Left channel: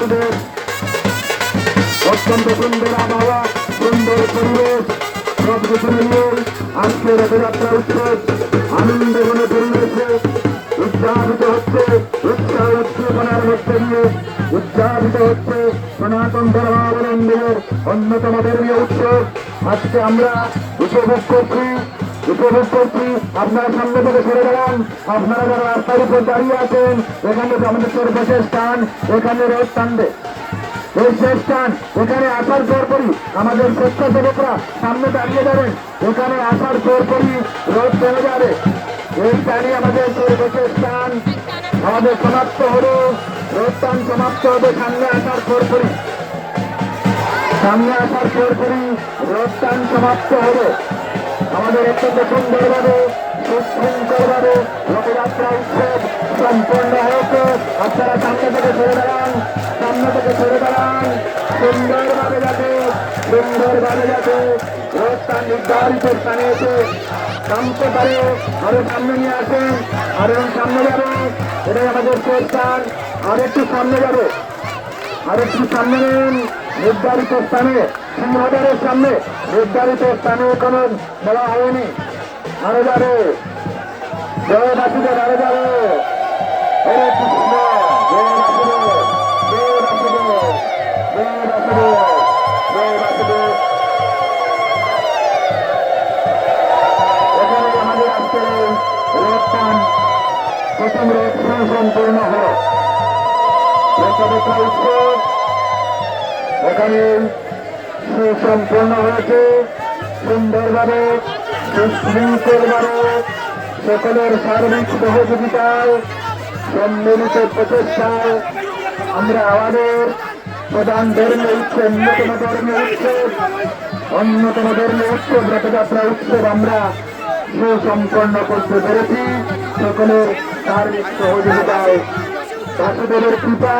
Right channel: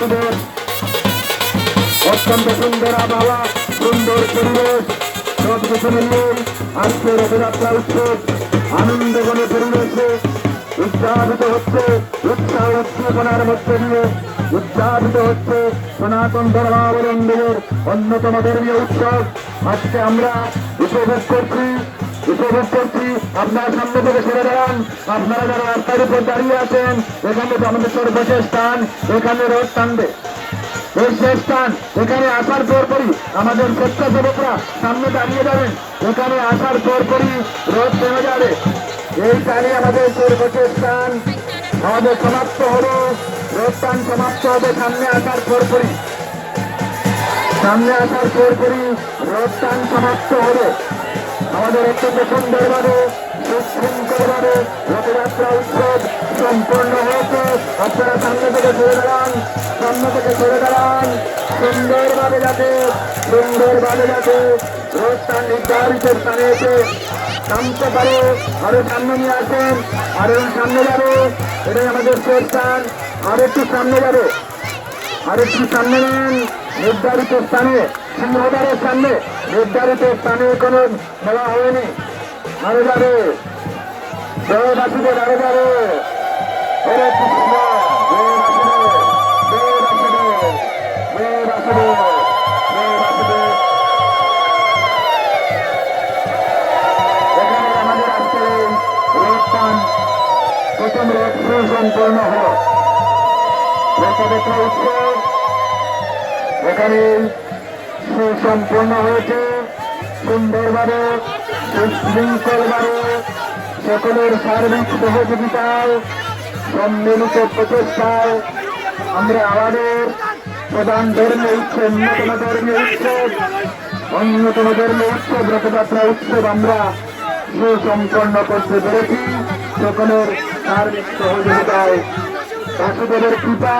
বাসুদেব। অত্যন্ত সুন্দর আবহাওয়া, সুন্দর পরিবেশ, সব কিছু মিলিয়ে আজকে রথযাত্রা উৎসব আনন্দঘন পরিবেশে উদযাপিত হচ্ছে। উৎসাহ উদ্দীপনার মধ্যে দিয়ে উদযাপিত হচ্ছে সনাতন ধর্মাবলম্বীদের অন্যতম ধর্মীয় উৎসব। আজকে আমরা উপভোগ করছি। আপনারা সামনে থেকে সরে দাঁড়ান। আপনারা যারা রাস্তার উপর দাঁড়িয়ে আছেন, এখানে আমাদের সর্বশেষ স্থান, এখানে রথ টানবে। এই শেষ স্থান, এখানে আসার পরপরই আমাদের স্বেচ্ছাসেবকরা সামনে দাঁড়িয়ে যাবেন। এখানে আসার পরপরই রথ চলে যাবে। এই টানে আমাদের সর্বশেষ স্থান হবে সমাপ্ত হলো। রথ টান সমাপ্ত হবে সামনে আসার পরপরই। রথ টান সমাপ্ত হলো। আমাদের অত্যন্ত সুন্দরভাবে সুশৃঙ্খলভাবে রথযাত্রা উৎসব সম্পন্ন হয়েছে। আপনারা সামনে থেকে সরে দাঁড়ান। সুন্দরভাবে যাতে রথটা নির্ধারিত স্থানে এসে নামতে পারে। আরো সামনে নিয়ে আসেন, আরো সামনে যাবে। এটাই আমাদের শেষ স্থান। আরেকটু সামনে যাবে, আরেকটু সামনে নেন। নির্ধারিত স্থানে, সিংহদ্বারের সামনে নির্ধারিত স্থানে কোনো বলা হয়নি। আরো যাবে, জয় বাসুদেব, আরো যাবে। হরে কৃষ্ণ, জয় বাসুদেব, জয় বাসুদেব, জয় বাসুদেব, জয় বাসুদেব। এখানে আমাদের আজকে রথটান প্রথম রথ সুসম্পূর্ণ হল। রথযাত্রা উৎসব এখানে সুসম্পন্ন হয়েছে। সুন্দরভাবে সুশৃঙ্খলভাবে সকলের সার্বিক সহযোগিতায় সম্মিলিত প্রচেষ্টায় আমরা আমাদের প্রধান ধর্মীয় উৎসব, অন্যতম ধর্মীয় উৎসব রথযাত্রা উৎসব আমরা সুসম্পন্ন করতে পেরেছি। সকলের সার্বিক সহযোগিতায় বাসুদেবের কৃপা।